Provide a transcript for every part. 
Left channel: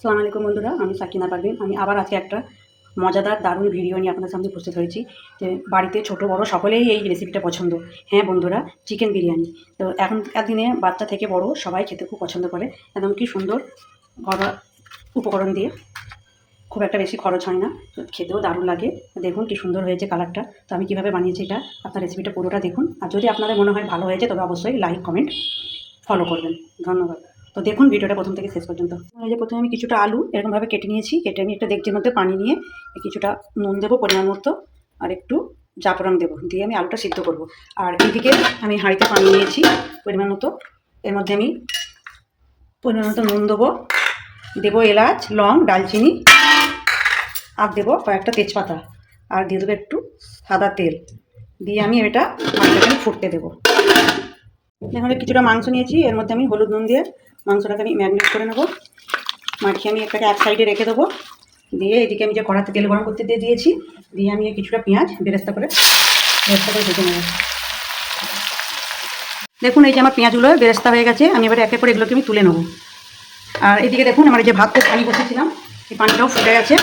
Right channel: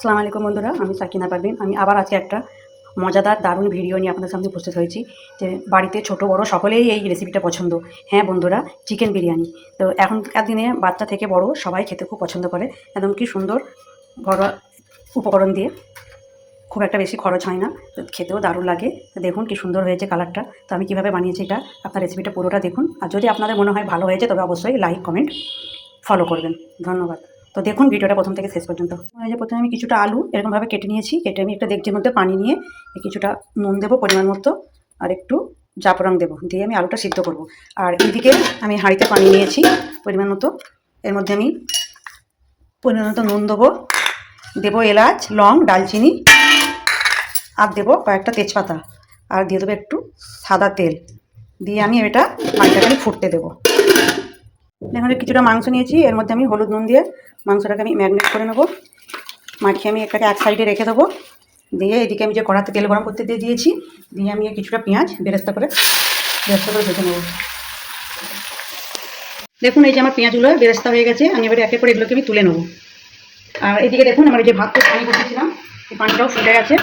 আসসালামু আলাইকুম বন্ধুরা, আমি সাকিনা পারভিন। আমি আবার আজকে একটা মজাদার দারুণ ভিডিও নিয়ে আপনাদের সামনে উপস্থিত হয়েছি। যে বাড়িতে ছোট বড় সকলেই এই রেসিপিটা পছন্দ। হ্যাঁ বন্ধুরা, চিকেন বিরিয়ানি। তো এখনকার দিনে বাচ্চা থেকে বড় সবাই খেতে খুব পছন্দ করে। একদম কি সুন্দর ঘরোয়া উপকরণ দিয়ে, খুব একটা বেশি খরচ হয় না, তো খেতেও দারুণ লাগে। দেখুন কি সুন্দর হয়েছে কালারটা। তো আমি কীভাবে বানিয়েছি এটা, আপনার রেসিপিটা পুরোটা দেখুন। আর যদি আপনাদের মনে হয় ভালো হয়েছে তবে অবশ্যই লাইক কমেন্ট ফলো করবেন। ধন্যবাদ। তো দেখুন ভিডিওটা প্রথম থেকে শেষ পর্যন্ত। এই যে প্রথমে আমি কিছুটা আলু এরকমভাবে কেটে নিয়েছি। কেটে আমি একটা ডেকচির মধ্যে পানি নিয়ে কিছুটা নুন দেবো পরিমাণ মতো, আর একটু জাফরান দেবো, দিয়ে আমি আলুটা সিদ্ধ করব। আর এদিকে আমি হাঁড়িতে পানি নিয়েছি পরিমাণ মতো। এর মধ্যে আমি পরিমাণ মতো নুন দেবো, দেবো এলাচ, লং, দালচিনি, আর দেবো কয়েকটা তেজপাতা, আর দিয়ে দেবো একটু সাদা তেল। দিয়ে আমি এটা পানিটাকে ফুটতে দেবো। এখানে কিছুটা মাংস নিয়েছি, এর মধ্যে আমি হলুদ নুন দিয়ে মাংসটাকে আমি ম্যারিনেট করে নেবো। মাখিয়ে আমি এটাকে এক সাইডে রেখে দেবো। দিয়ে এদিকে আমি যে কড়াতে তেল গরম করতে দিয়ে দিয়েছি, দিয়ে আমি কিছুটা পেঁয়াজ বেরেস্তা করে ভেজে নেবো। দেখুন এই যে আমার পেঁয়াজগুলো বেরেস্তা হয়ে গেছে। আমি এবারে একে করে এগুলোকে আমি তুলে নেবো। আর এদিকে দেখুন আমার এই যে ভাতটা পানি বসেছিলাম, এই পানিটাও ফুটে গেছে।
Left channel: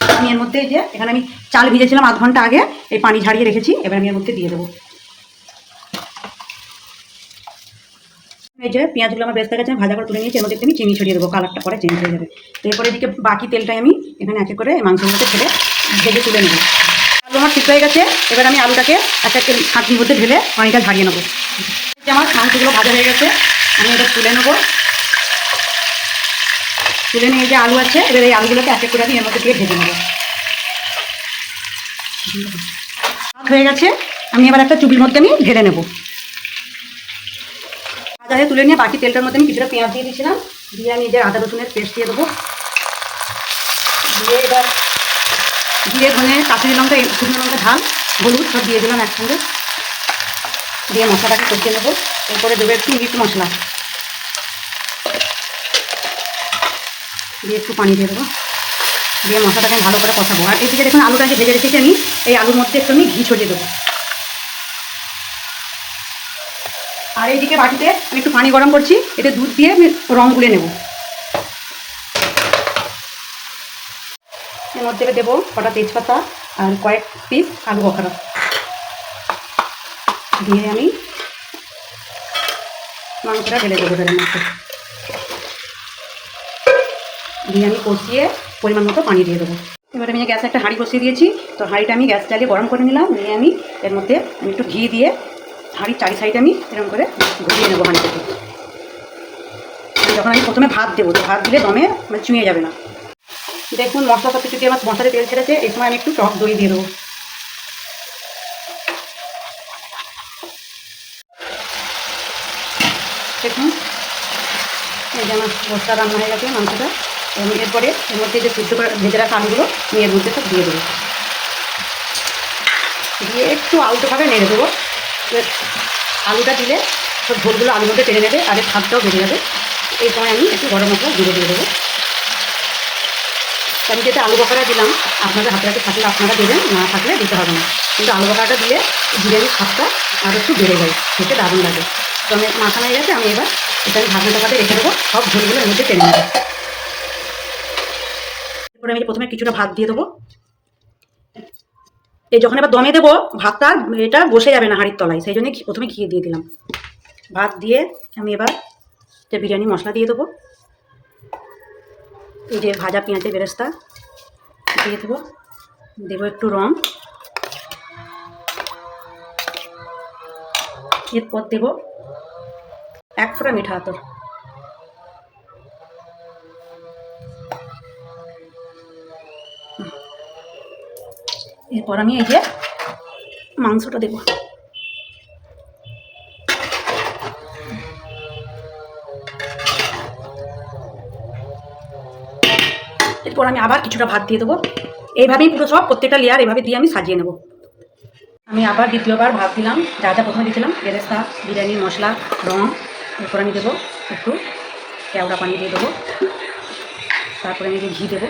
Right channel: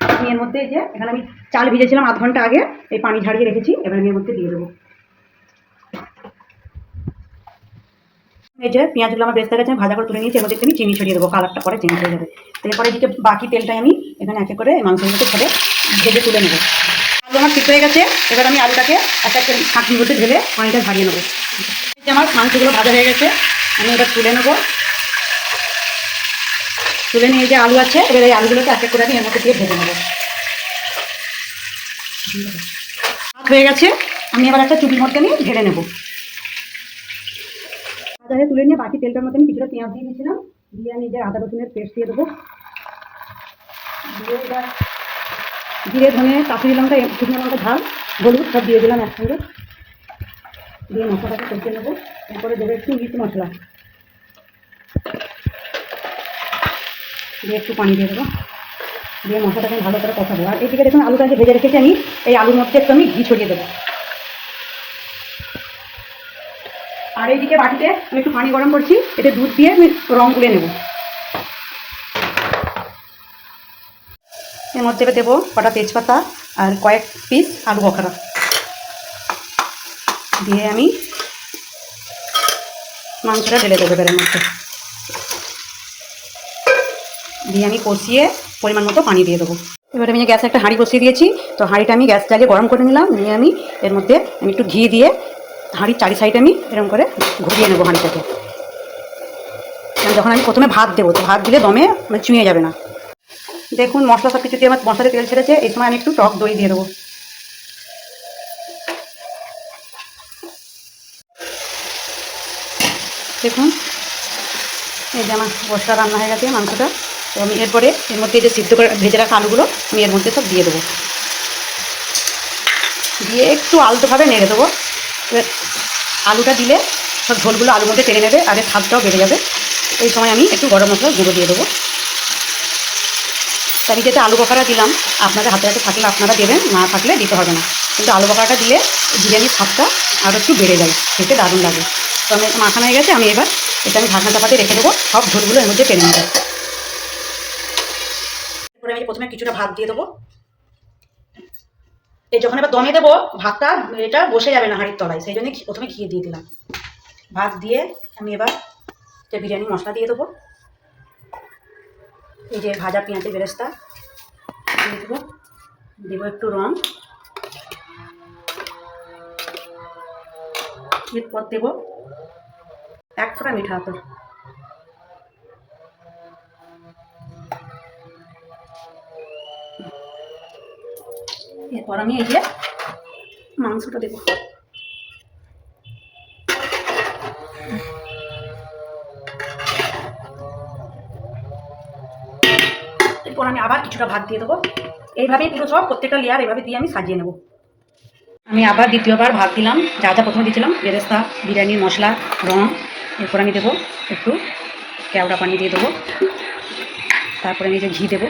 আমি এর মধ্যে এই যে এখানে আমি চাল ভিজেছিলাম আধ ঘন্টা আগে, এই পানি ঝাড়িয়ে রেখেছি। এবার আমি এর মধ্যে দিয়ে দেবো। এই যে পেঁয়াজগুলো আমার বেরেস্তা গেছে, আমি ভাজা করে তুলে নিয়েছি। এর মধ্যে আমি চিনি ছড়িয়ে দেবো, কালারটা পরে চেঞ্জ হয়ে যাবে। তো এরপরে এদিকে বাকি তেলটাই আমি এখানে একে করে এই মাংসগুলোকে ছেড়ে ভেজে তুলে নেবো। আলু আমার সিদ্ধ হয়ে গেছে। এবার আমি আলুটাকে এক এক করে ছাঁকনির মধ্যে ঢেলে পানিটা ঝাড়িয়ে নেবো। এই যে আমার মাংসগুলো ভাজা হয়ে গেছে, আমি এটা তুলে নেবো। তুলে নিয়ে যে আলু আছে, এবার এই আলুগুলোকে এক এক করে আমি এর মধ্যে দিয়ে ভেজে নেবো। ভাত হয়ে গেছে, আমি এবার একটা চুবির মধ্যে আমি ঢেলে নেবো। ভাজা হয়ে তুলে নিয়ে বাকি তেলটার মধ্যে আমি কিছুটা পেঁয়াজ দিয়ে দিয়েছিলাম। দিয়ে আমি যে আদা রসুনের পেস্ট দিয়ে দেবো। দিয়ে এবার জিরে, ধনে, কাঁচুরি লঙ্কা, শুকনো লঙ্কা, ঝাল, হলুদ সব দিয়ে দিলাম একসঙ্গে। দিয়ে মশলাটাকে কষিয়ে নেবো। এরপরে দেবো একটু মিট মশলা, দিয়ে একটু পানি দিয়ে দেবো। দিয়ে মশলাটাকে আমি ভালো করে কষাবো। আর এদিকে দেখুন আলুটাকে ভেজে রেখেছি আমি, এই আলুর মধ্যে একটু আমি ঘি ছড়িয়ে দেবো। আর এইদিকে বাটিতে আমি একটু পানি গরম করছি, এতে দুধ দিয়ে আমি রং গুলে নেব। এর মধ্যে দেবো কটা তেজপাতা আর কয়েক পিস আলু বখরা। দিয়ে আমি মাংসটা ঢেলে দেবো এর মধ্যে। দিয়ে আমি কষিয়ে পরিমাণ মতো পানি দিয়ে দেবো। এবার আমি গ্যাসে একটা হাঁড়ি বসিয়ে দিয়েছি। তো হাঁড়িটা আমি গ্যাস জ্বালিয়ে গরম করে নিলাম। নিয়ে আমি এর মধ্যে আমি একটু ঘি দিয়ে হাঁড়ির চারি সাইডে আমি এরকম করে ঘুরিয়ে নেবো হাঁড়িটাকে। যখন আমি প্রথমে ভাত দেবো, তো ভাত দিলে দমে চুঁয়ে যাবে না। দেখুন মশলা সব কিছু দিয়ে আমার মশলাতে তেল ছেড়েছে। এই সময় আমি একটু টক দই দিয়ে দেবো। দেখুন এই যে আমার মশলা রান্না হয়ে গেছে মাংসটা। তো আমি এরপরে এর মধ্যে যে সিদ্ধ করে ভেজে রাখা আলুগুলো আমি এর মধ্যে সব দিয়ে দেবো। দিয়ে একটু আলতোভাবে নেড়ে দেবো। আলুটা দিলে সব ঝোলগুলো আলুর মধ্যে টেনে নেবে, আর এর স্বাদটাও বেড়ে যাবে। এই সময় আমি একটু গরম মশলা গুঁড়ো দিয়ে দেবো। তো আমি যেটা আলু বখরা দিলাম, আপনাদের হাতে হাতে থাকলে আপনারা দেবেন, না থাকলে দিতে হবে না। কিন্তু আলু বখরাটা দিলে বিরিয়ানির স্বাদটা আরও একটু বেড়ে যায়, খেতে দারুণ লাগে। তো আমি মাখানো হয়ে গেছে, আমি এবার এটা আমি ঢাকনা চাপাতে রেখে দেবো, সব ঝোলগুলো এর মধ্যে টেনে নেবো। এরপরে আমি প্রথমে কিছুটা ভাত দিয়ে দেবো। এই যখন এবার দমে দেবো, ভাতটা এটা বসে যাবে না হাঁড়ির তলায়, সেই জন্যই প্রথমে ঘি দিয়ে দিলাম। ভাত দিয়ে আমি এবার যে বিরিয়ানি মশলা দিয়ে দেবো। এই যে ভাজা পেঁয়াজের বেরেস্তা দিয়ে দেবো। দেবো একটু রং, এরপর দেবো এক ফোঁটা মিঠা আতর। এরপর আমি এই যে মাংসটা দেবো। এরপর আমি আবার কিছুটা ভাত দিয়ে দেবো। এইভাবেই পুরো সব প্রত্যেকটা লেয়ার এভাবে দিয়ে আমি সাজিয়ে নেব। আমি আবার দ্বিতীয়বার ভাত দিলাম, যা যা প্রথমে দিয়েছিলাম বেরেস্তা, বিরিয়ানির মশলা, রং। এরপর আমি দেবো একটু কেওড়া পানি দিয়ে দেবো। তারপরে আমি যে ঘি দেবো।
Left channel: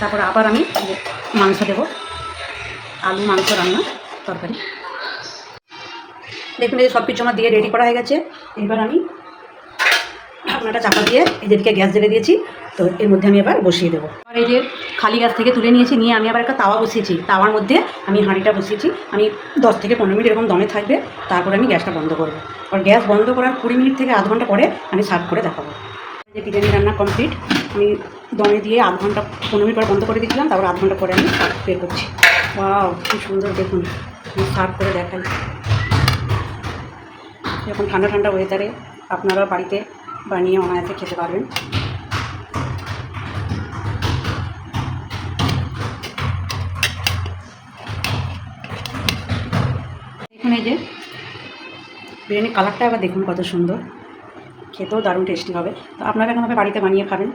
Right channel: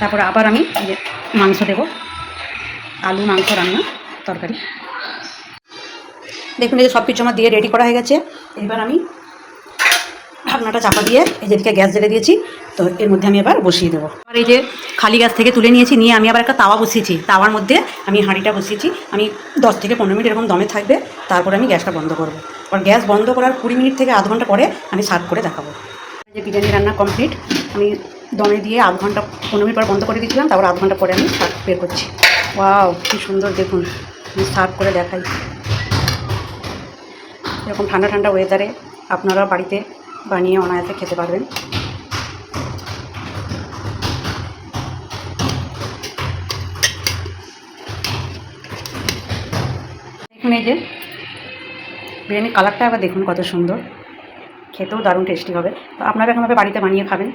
তারপরে আবার আমি মাংস দেবো, আলু মাংস রান্না তরকারি। দেখুন এই সব কিছু আমার দিয়ে রেডি করা হয়ে গেছে। এবার আমি ঢাকনাটা চাপা দিয়ে এই যেদিকে গ্যাস জ্বেলে দিয়েছি, তো এর মধ্যে আমি এবার বসিয়ে দেবো। আর এই যে খালি গ্যাস থেকে তুলে নিয়েছি, নিয়ে আমি আবার একটা তাওয়া বসিয়েছি। তাওয়ার মধ্যে আমি হাঁড়িটা বসিয়েছি। আমি 10 থেকে 15 মিনিট এরকম দমে থাকবে, তারপরে আমি গ্যাসটা বন্ধ করবো। আর গ্যাস বন্ধ করার 20 মিনিট থেকে আধ ঘন্টা পরে আমি সার্ভ করে দেখাবো। যে বিরিয়ানি রান্না কমপ্লিট, আমি দমে দিয়ে আধ ঘন্টা 15 মিনিট পর বন্ধ করে দিয়েছিলাম, তারপর আধ ঘন্টা পরে আমি সার্ভ বের করছি। ওয়াও, কি সুন্দর দেখুন। আমি সার্ভ করে দেখাই। এরকম ঠান্ডা ঠান্ডা ওয়েদারে আপনারা বাড়িতে বানিয়ে অনায়াসে খেতে পারবেন। এখানে যে বিরিয়ানির কালারটা আবার দেখুন কত সুন্দর, খেতেও দারুণ টেস্টি হবে। তো আপনারা এরকমভাবে বাড়িতে বানিয়ে খাবেন।